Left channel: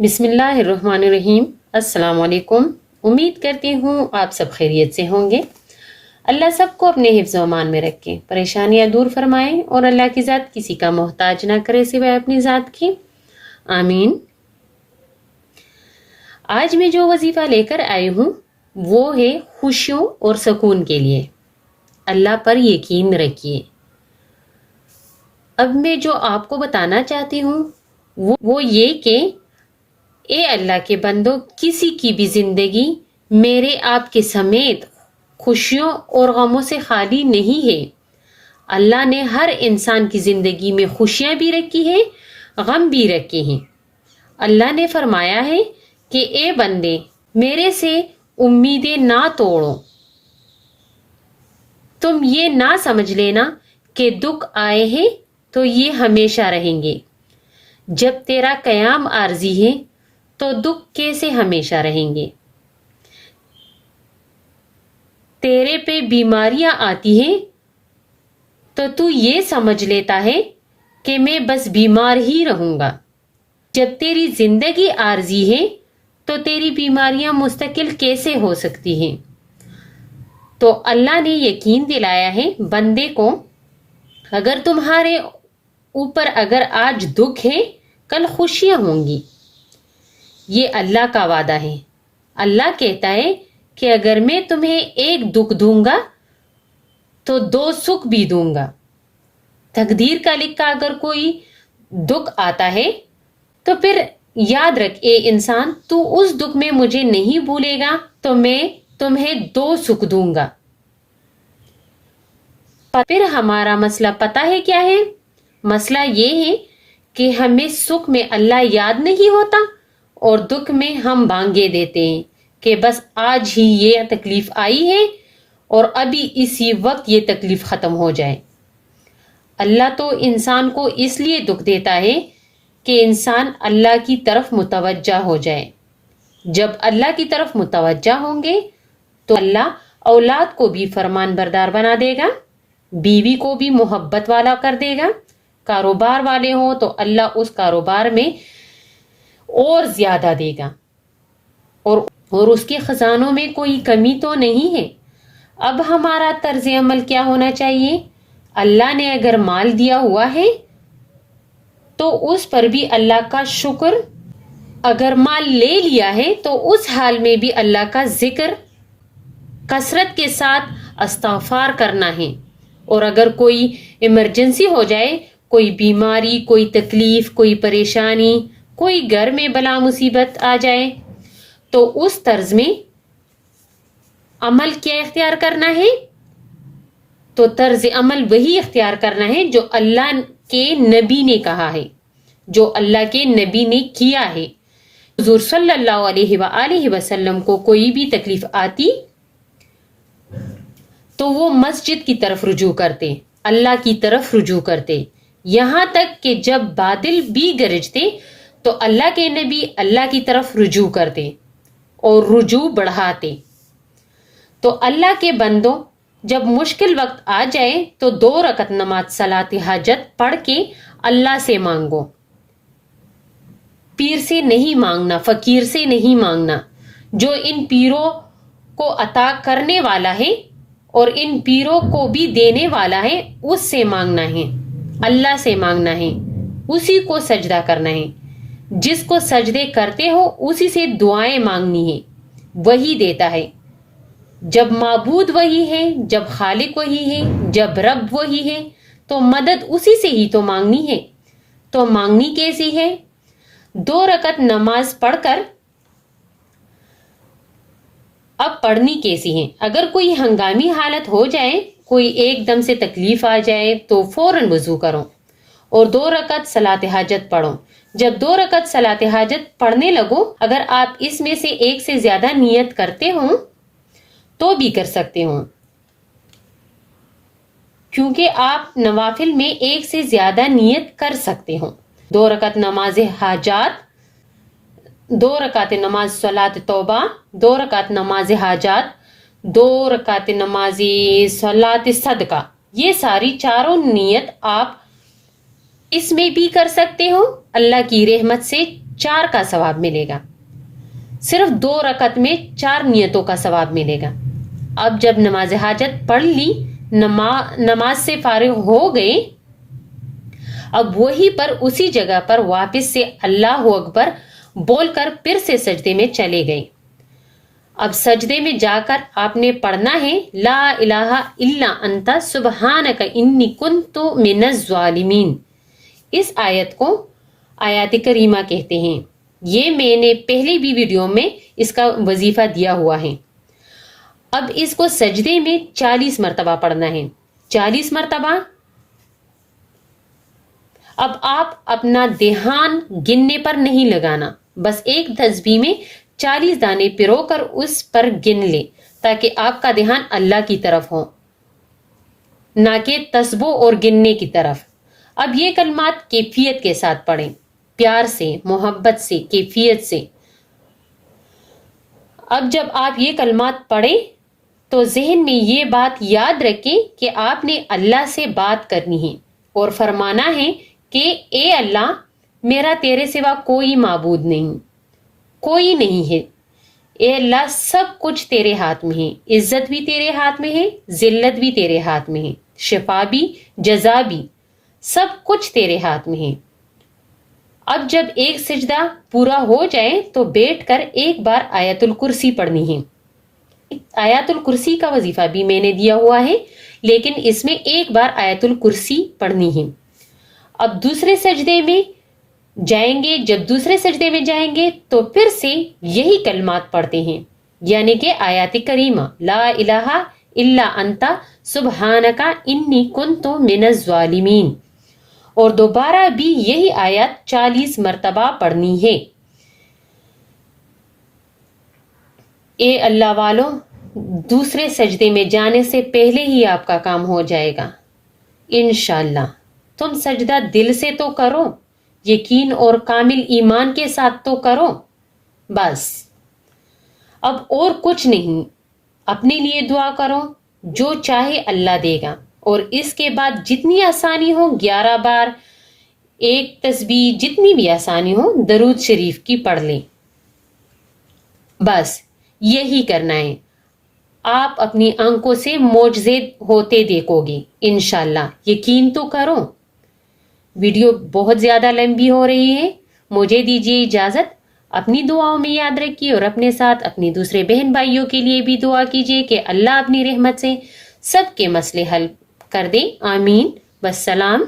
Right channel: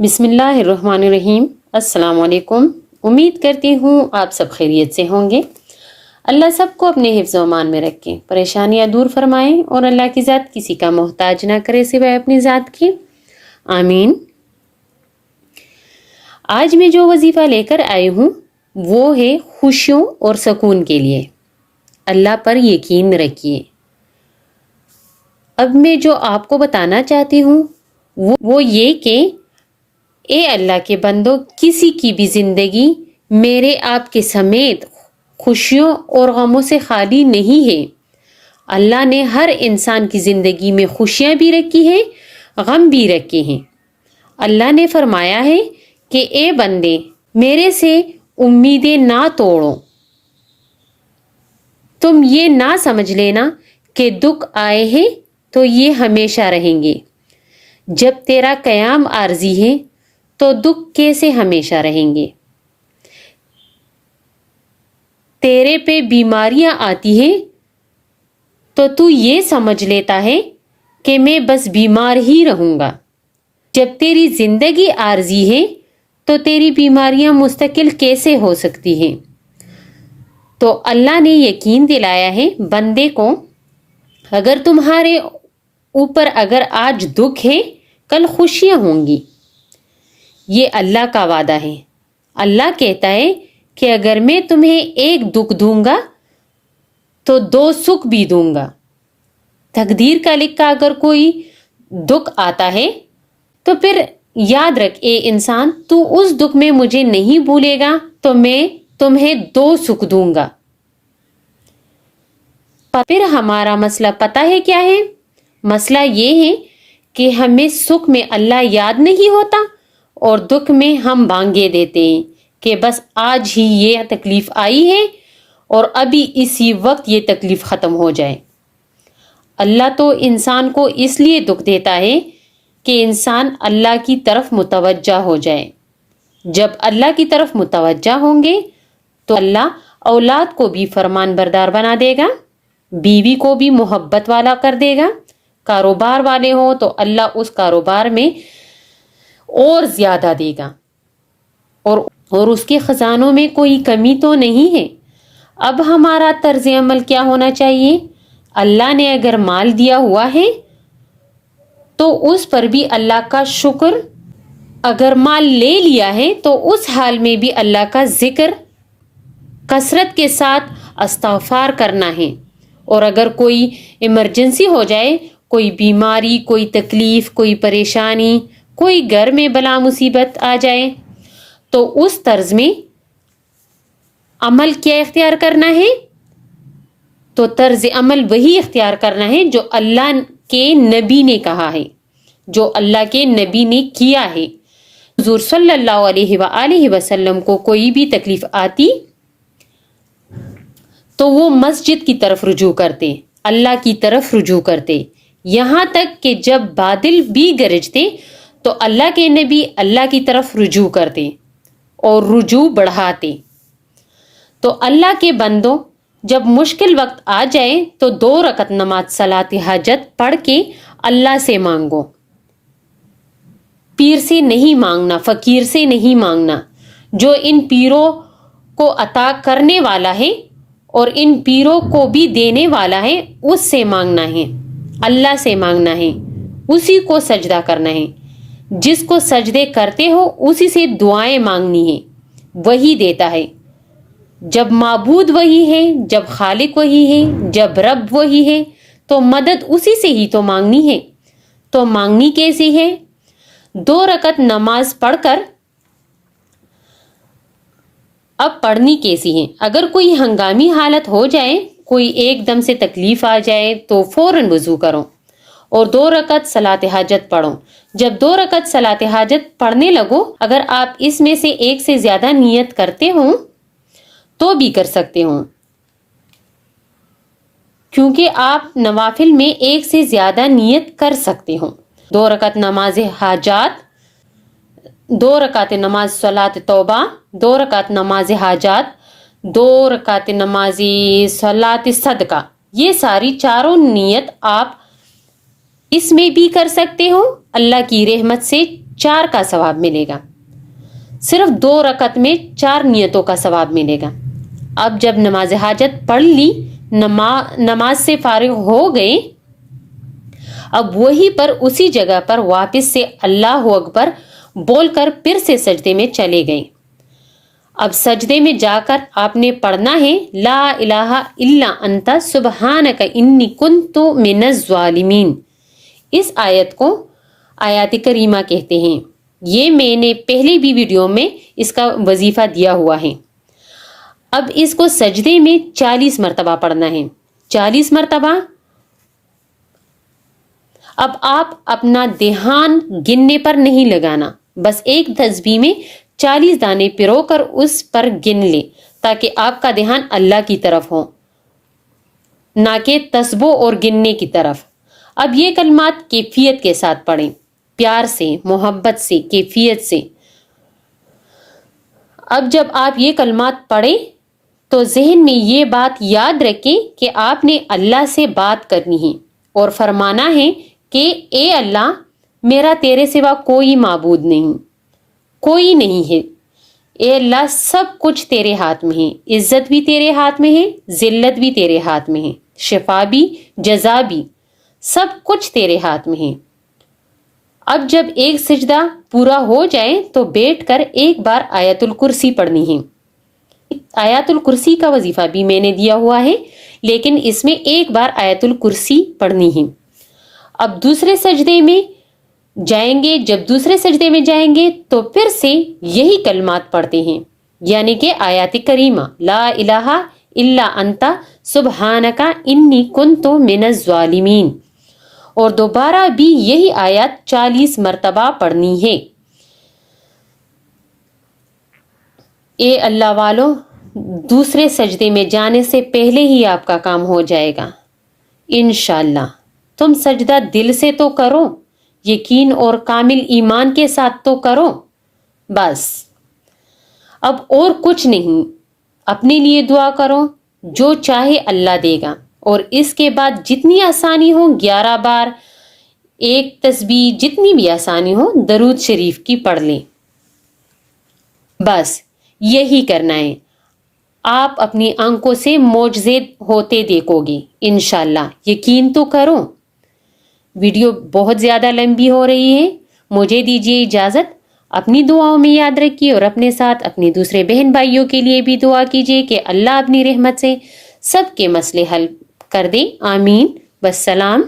بسم اللہ الرحمن الرحیم۔ السلام علیکم۔ امید کرتی ہوں آپ سب خیریت سے ہوں گے۔ اللہ سب کو اپنے حفظ و امان میں رکھے، پریشانیاں دور فرمائیں اور اللہ کی ذات کسی کا محتاج نہ کرے سوائے اپنی ذات کی، آمین۔ آج میں جو وظیفہ لے کر آئی ہوں وہ ہے خوشیوں اور سکون کے لیے۔ اللہ پر یقین رکھیے۔ اب میں جو آپ کو بتانا چاہتی ہوں وہ یہ کہ اے اللہ کے بندو، کسی کی بھی زندگی میرے آپ کے سمیت خوشیوں اور غموں سے خالی نہیں ہے۔ اللہ نے ہر انسان کی زندگی میں خوشیاں بھی رکھی ہیں، غم بھی رکھے ہیں۔ اللہ نے فرمایا ہے کہ اے بندے، میرے سے امیدیں نہ توڑو۔ تم یہ نہ سمجھ لینا کہ دکھ آئے ہیں تو یہ ہمیشہ رہیں گے۔ جب تیرا قیام عارضی ہے تو دکھ کیسے ہمیشہ رہیں گے؟ تیرے پہ بیماریاں آتی ہیں تو تو یہ سمجھ لیتا ہے کہ میں بس بیمار ہی رہوں گا۔ جب تیری زندگی عارضی ہے تو تیری بیماریاں مستقل کیسے ہو سکتی ہیں؟ تو اللہ نے یقین دلایا ہے بندے کو، اگر تمہارے اوپر اگر آج دکھ ہے، کل خوشیاں ہوں گی۔ یہ اللہ کا وعدہ ہے۔ اللہ کہتا ہے کہ اگر میں تمہیں ایک دکھ دوں گا تو دو سکھ بھی دوں گا۔ تقدیر کا لکھا اگر کوئی دکھ آتا ہے تو پھر یاد رکھ اے انسان، تو اس دکھ میں مجھے نہیں بھولے گا تو میں تمہیں دو سکھ دوں گا۔ پھر ہمارا مسئلہ پتہ ہے کیا ہے؟ مسئلہ یہ ہے کہ ہمیں سکھ میں اللہ یاد نہیں ہوتا اور دکھ میں ہم بانگے دیتے ہیں کہ بس آج ہی یہ تکلیف آئی ہے اور ابھی اسی وقت یہ تکلیف ختم ہو جائے۔ اللہ تو انسان کو اس لیے دکھ دیتا ہے کہ انسان اللہ کی طرف متوجہ ہو جائے۔ جب اللہ کی طرف متوجہ ہوں گے تو اللہ اولاد کو بھی فرمان بردار بنا دے گا، بیوی کو بھی محبت والا کر دے گا، کاروبار والے ہوں تو اللہ اس کاروبار میں اور زیادہ دے گا، اور اس کے خزانوں میں کوئی کمی تو نہیں ہے۔ اب ہمارا طرز عمل کیا ہونا چاہیے؟ اللہ نے اگر مال دیا ہوا ہے تو اس پر بھی اللہ کا شکر، اگر مال لے لیا ہے تو اس حال میں بھی اللہ کا ذکر کثرت کے ساتھ استغفار کرنا ہے۔ اور اگر کوئی ایمرجنسی ہو جائے، کوئی بیماری، کوئی تکلیف، کوئی پریشانی، کوئی گھر میں بلا مصیبت آ جائے تو اس طرز میں عمل کیا اختیار کرنا ہے؟ تو طرز عمل وہی اختیار کرنا ہے جو اللہ کے نبی نے کہا ہے، جو اللہ کے نبی نے کیا ہے۔ حضور صلی اللہ علیہ وآلہ وسلم کو کوئی بھی تکلیف آتی تو وہ مسجد کی طرف رجوع کرتے، اللہ کی طرف رجوع کرتے، یہاں تک کہ جب بادل بھی گرجتے تو اللہ کے نبی اللہ کی طرف رجوع کرتے اور رجوع بڑھاتے۔ تو اللہ کے بندوں، جب مشکل وقت آ جائے تو 2 رکعت نماز صلاۃ حاجت پڑھ کے اللہ سے مانگو۔ پیر سے نہیں مانگنا، فقیر سے نہیں مانگنا، جو ان پیروں کو عطا کرنے والا ہے اور ان پیروں کو بھی دینے والا ہے، اس سے مانگنا ہے، اللہ سے مانگنا ہے، اسی کو سجدہ کرنا ہے۔ جس کو سجدے کرتے ہو اسی سے دعائیں مانگنی ہے، وہی دیتا ہے۔ جب معبود وہی ہے، جب خالق وہی ہے، جب رب وہی ہے تو مدد اسی سے ہی تو مانگنی ہے۔ تو مانگنی کیسی ہے؟ 2 رکعت نماز پڑھ کر اب پڑھنی کیسی ہے؟ اگر کوئی ہنگامی حالت ہو جائے، کوئی ایک دم سے تکلیف آ جائے تو فوراً وضو کرو اور 2 رکعت صلاۃ حاجت پڑھو۔ جب 2 رکعت صلاۃ حاجت پڑھنے لگو، اگر آپ اس میں سے ایک سے زیادہ نیت کرتے ہوں تو بھی کر سکتے ہوں، کیونکہ آپ نوافل میں ایک سے زیادہ نیت کر سکتے ہوں۔ 2 رکعت نماز حاجات، 2 رکعت نماز صلاۃ توبہ، 2 رکعت نماز حاجات، 2 رکعت نماز صلاۃ صدقہ، یہ ساری چاروں نیت آپ اس میں بھی کر سکتے ہو۔ اللہ کی رحمت سے 4 کا ثواب ملے گا. صرف 2 رکعت میں 4 نیتوں کا ثواب ملے گا. اب جب نماز حاجت پڑھ لی، نماز سے فارغ ہو گئے، اب وہی پر اسی جگہ پر واپس سے اللہ اکبر بول کر پھر سے سجدے میں چلے گئے. اب سجدے میں جا کر آپ نے پڑھنا ہے لا الہ الا انت سبحانک انی کنت من الظالمین. اس آیت کو آیات کریمہ کہتے ہیں. یہ میں نے پہلے بھی ویڈیو میں اس کا وظیفہ دیا ہوا ہے. اب اس کو سجدے میں 40 مرتبہ پڑھنا ہے. 40 مرتبہ. اب آپ اپنا دھیان گننے پر نہیں لگانا، بس ایک تسبیح میں 40 دانے پرو کر اس پر گن لے تاکہ آپ کا دھیان اللہ کی طرف ہو، نہ کہ تسبیح اور گننے کی طرف. اب یہ کلمات کیفیت کے ساتھ پڑھیں، پیار سے، محبت سے، کیفیت سے. اب جب آپ یہ کلمات پڑھیں تو ذہن میں یہ بات یاد رکھیں کہ آپ نے اللہ سے بات کرنی ہے اور فرمانا ہے کہ اے اللہ، میرا تیرے سوا کوئی معبود نہیں، کوئی نہیں ہے. اے اللہ، سب کچھ تیرے ہاتھ میں ہے. عزت بھی تیرے ہاتھ میں ہے، ذلت بھی تیرے ہاتھ میں ہے، شفا بھی، جزا بھی، سب کچھ تیرے ہاتھ میں ہے. اب جب ایک سجدہ پورا ہو جائے تو بیٹھ کر ایک بار آیت الکرسی پڑھنی ہے. آیت الکرسی کا وظیفہ بھی میں نے دیا ہوا ہے، لیکن اس میں ایک بار آیت الکرسی پڑھنی ہے. اب دوسرے سجدے میں جائیں گے، جب دوسرے سجدے میں جائیں گے تو پھر سے یہی کلمات پڑھتے ہیں، یعنی کہ آیات کریمہ لا الہ الا انت سبحانک انی کنت من الظالمین، اور دوبارہ بھی یہی آیات 40 مرتبہ پڑھنی ہے. اے اللہ والو، دوسرے سجدے میں جانے سے پہلے ہی آپ کا کام ہو جائے گا انشاءاللہ. تم سجدہ دل سے تو کرو، یقین اور کامل ایمان کے ساتھ تو کرو. بس اب اور کچھ نہیں. اپنے لیے دعا کرو، جو چاہے اللہ دے گا. اور اس کے بعد جتنی آسانی ہو 11 بار ایک تسبیح، جتنی بھی آسانی ہو درود شریف کی پڑھ لیں. بس یہی کرنا ہے. آپ اپنی آنکھوں سے معجزے ہوتے دیکھو گے انشاءاللہ. یقین تو کرو. ویڈیو بہت زیادہ لمبی ہو رہی ہے، مجھے دیجیے اجازت. اپنی دعاؤں میں یاد رکھیے اور اپنے ساتھ اپنی دوسرے بہن بھائیوں کے لیے بھی دعا کیجیے کہ اللہ اپنی رحمت سے سب کے مسئلے حل کر دے. آمین. والسلام.